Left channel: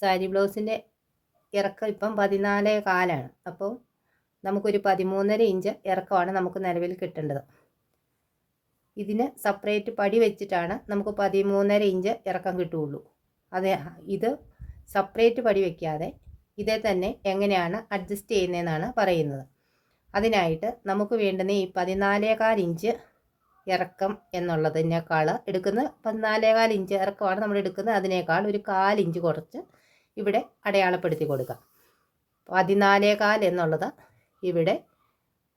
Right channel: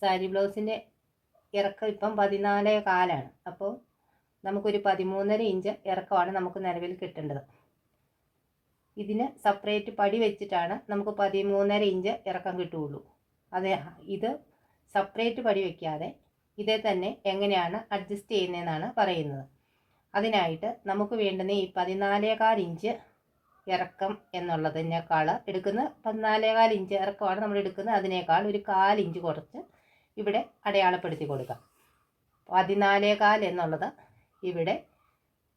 സാരി ബ്ലൗസിന്റെ ഇറക്കം ഇപ്പം പതിനാലേ കാലാണ്. അപ്പോൾ നമുക്കൊരു പതിമൂന്നര ഇഞ്ച് ഇറക്കമാണ് നമുക്ക് നിലവിൽ കിട്ടേണ്ടത്. ഇതിന് സെപ്പറേറ്റ് പടി വെച്ചിട്ടാണ് നമുക്ക് പതിമൂന്നര ഇഞ്ച് ഇറക്കം കിട്ടുകയുള്ളൂ. അത് ഇത് സെപ്പറേറ്റ് പടി വയ്ക്കാതെ ഇതേ തന്നെ എങ്ങനെയാണ് അഡ്ജസ്റ്റ് ചെയ്യുന്നതെന്നാണ് പറയുന്നത്. അതിനായിട്ട് നമുക്ക് വേണ്ടുന്ന ഈ പതിനാലേകാൽ ഇഞ്ച് ഇറക്കം എന്നുള്ളതിനേക്കാൾ എടുക്കുന്ന പതിനാലേകാൽ ഇഞ്ച് ഇറക്കമാണ് നമ്മൾ എടുക്കുന്നത്. അതിനേക്കാൾ ഒരു കാലിഞ്ച് കുറച്ച് ഇവിടെ അടയാളപ്പെടുത്തി കൊടുക്കാം പതിനാലേകാൽ എന്നുള്ളത് ഇവിടെ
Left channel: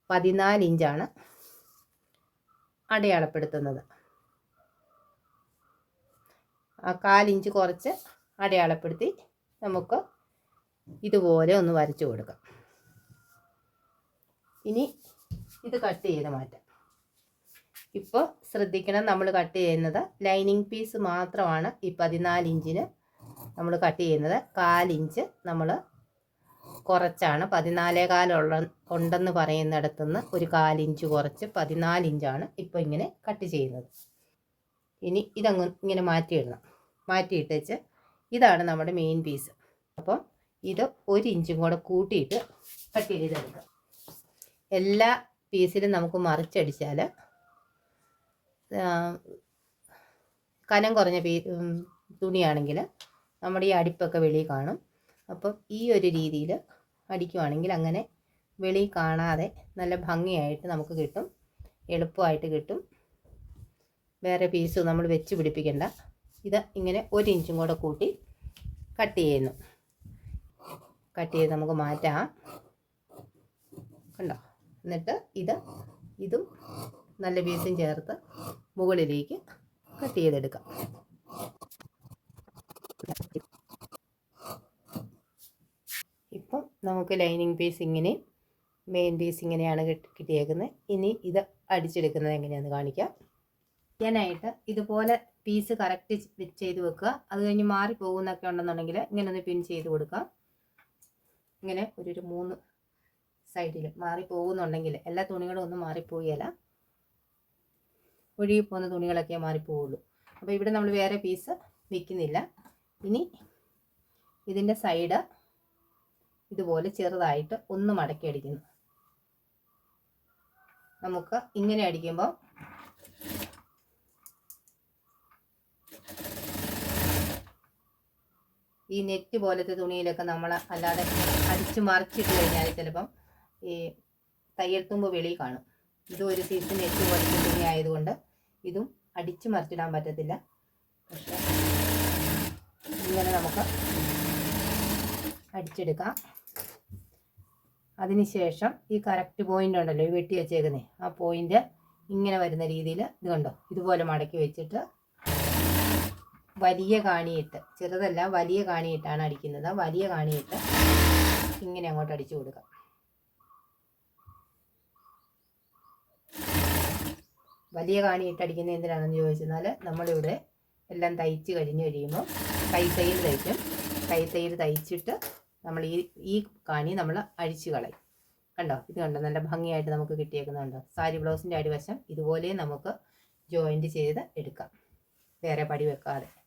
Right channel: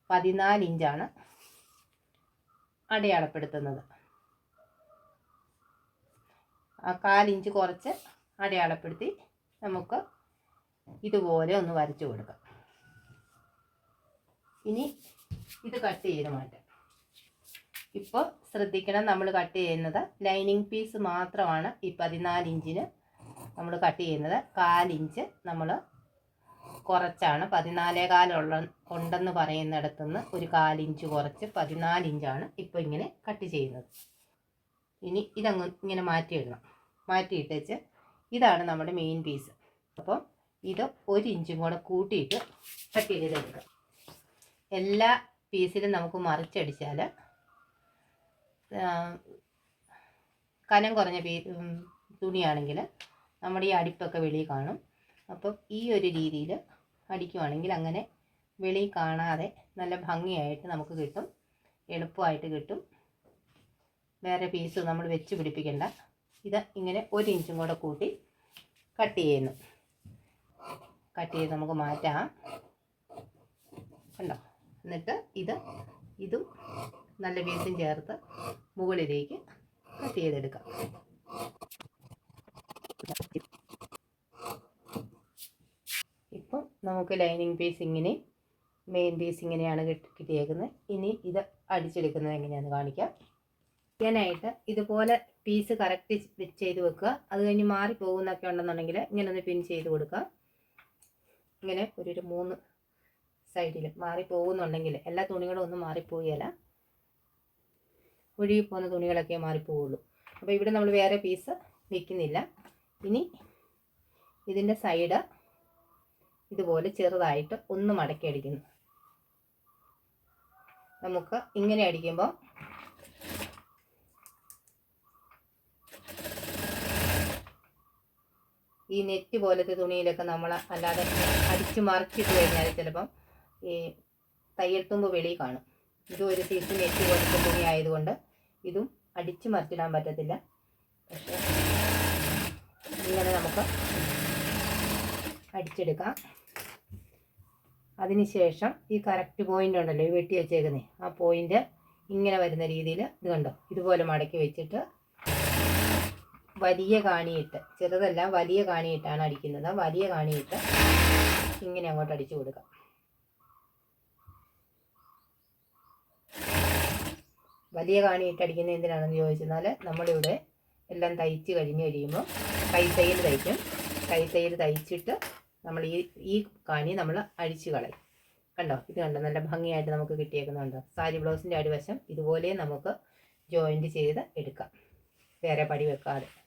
പതിനാല് ഇഞ്ചാണ് അടയാളപ്പെടുത്തുന്നത്. ആ കാലിഞ്ച് കുറച്ച് അടയാളപ്പെടുത്തി നമുക്ക് ഇതുപോലെ ഒന്ന് വരച്ചു കൊടുക്കാം. ഇനി ഇത് കട്ട് ചെയ്ത് മാറ്റാം. ഇപ്പോൾ ശ്രദ്ധിക്കണം നമ്മൾ കട്ട് ചെയ്യുന്നത് ലൈനിങ് പീസ് മാത്രമാണ് ഈ പതിനാല് ഇഞ്ചിന് നമ്മൾ കട്ട് ചെയ്യുന്നത് കാലിഞ്ച് നമ്മൾ കുറച്ചാണ്. പതിനാലേ കാലുള്ള ഉണ്ടെന്ന് പറയുന്നിടത്തുനിന്ന് ഒരു കാലിഞ്ച് കുറച്ച് പതിനാലിഞ്ചാണ് ഇപ്പോൾ ഇങ്ങനെ കട്ട് ചെയ്യുന്നത്. ഇനി ഇതങ്ങ് ഇങ്ങനെ മാറ്റിയിടണം മാറ്റിയിട്ടേച്ച് ഇതാണ് നമ്മുടെ മെയിൻ പീസ് അപ്പം ഇത് ഒരു ഇഞ്ചും കൂടെ കൂട്ടിയിട്ട് കട്ട് ചെയ്തെടുക്കാം. എല്ലാ പീസിലും നമുക്ക് മറിച്ചടിച്ചാൽ കനം കുറഞ്ഞ പീ തുണിയാണെങ്കിൽ നമ്മുടെ ഈ അടിപ്പൊക്കെ വെളിയിൽ കാണും. അപ്പം ഈ ഒരു രീതിയിൽ അടിക്കുവാണെങ്കിൽ അങ്ങനെ വെളി കാണാതെ നല്ല ഭംഗിയായിട്ട് നമുക്ക് കിട്ടും. എളുപ്പമായിട്ട് കിട്ടും. വേറെ പീസ് നമ്മൾ വെച്ച് പിടിപ്പിക്കേണ്ട. ഇത് ഇങ്ങനെ ഒരു ഇഞ്ചും കൂടെ കൂട്ടി കട്ട് ചെയ്യുന്നു. കട്ട് ചെയ്ത് നമുക്ക് മാറ്റാം. കണ്ടോ? എന്നിട്ട് ഇത് ഇതും നല്ല പീസും ചേർത്ത് മുകളിലേക്ക് കട്ട് ചെയ്തെടുക്കാം ഇപ്പം നമുക്ക് ലൈനിങ് പീസ് ഇങ്ങനെ മെയിൻ പീസ് ഇങ്ങനെയാണ് കിട്ടിയേക്കുന്നത് ഇനി ഇത് അടിച്ചെടുക്കുന്നത് എങ്ങനെയാണെന്ന് കാണിക്കാം. ഞാനായിട്ട് ഇതുപോലെ പീസ് കറക്റ്റ് ചെയ്ത് വെക്കുക. അത് കഴിഞ്ഞ് മാറി പോകുന്നൊക്കെ ഉണ്ടെന്നുണ്ടെങ്കിൽ ഇങ്ങനെ ഒന്ന് പിൻ ചെയ്ത് കൊടുക്കുക. ഇങ്ങനെ ഒരു മൂന്ന് സൈഡിൽ മാറി പോകുന്നുണ്ടെങ്കിൽ എല്ലാ തുണികളും ഒന്നും മാറിപ്പോവുകയല്ല ഒഴുകി പോകുന്ന തുണികളൊക്കെ മാറിപ്പോവുള്ളൂ. അപ്പോൾ ഇവിടെ നമ്മൾ വേറെ പീസ് വെക്കുന്നില്ല. ഇനി ഇതിന്റെ സൈഡ് ഇതുപോലെ ചെറുതായിട്ട് ഒന്ന് മടക്കി അടിക്കുന്നു. നമുക്ക് ഇങ്ങനെ അടിക്കുമ്പോൾ ഈ നെറ്റ് പോലത്തെ തുണിയിലൊക്കെ നമ്മൾ അല്ലാതെ അടിച്ച് മറിച്ചിട്ട് കഴിഞ്ഞാൽ ചിലപ്പം ഈ തയ്യൽത്തുമ്പ് വെളി കാണും. ഇതും ഒരു സീസ് നെറ്റ് പോലത്തെ തുണി ആയതുകൊണ്ട് ഇതും അടിച്ച് മറിച്ചിടാൻ പറ്റത്തില്ല. പക്ഷേ ഇങ്ങനെ നമുക്ക് അടിച്ചെടുക്കാം. അതിനുശേഷം ഈ കറക്റ്റ് പോയിന്റ് ഉണ്ടല്ലോ ഈ വെട്ടി വെച്ചേക്കുന്നത് ആ പോയിന്റ് ഇങ്ങനെ വരുന്ന രീതിയിൽ ഇത് കണ്ടോ? ഇതുപോലെ മടക്കി വെച്ചിട്ട് വലിയ കാണിയിട്ട് ചെറുതല്ല വലിയ കാണിയിട്ടാണ് അടിക്കുന്നത്. വലിയ കാണിയിട്ട് ഇങ്ങനെ അങ്ങോട്ട് അടിച്ചു കൊടുക്കാം. വലിയ കാണിയിട്ട് അടിക്കുന്നത് എന്തിനാണെന്ന് ചോദിച്ചെന്നാൽ നമ്മളിവിടെ എല്ലാം തയ്ച്ച് കഴിഞ്ഞ് കഴിയുമ്പോൾ കൈത്തയ്യൽ തയ്ക്കും. കൈത്തയ്യൽ തയ്ച്ചിട്ട് നമ്മൾ ഈ ഈ കാനി നമ്മൾ അഴിച്ചു കളയും. കണ്ടോ? ഇത് കണ്ടോ? നല്ല ഭംഗിയായിട്ട് നമുക്ക് കിട്ടിയേക്കുന്നുണ്ടോ. സാരി ബ്ലൗസിന്റെ അടിവശം ഇതുപോലെ നമുക്ക് ജോയിന്റ് ചെയ്ത് എടുക്കാം. വേറെ പടി വെക്കാതെ.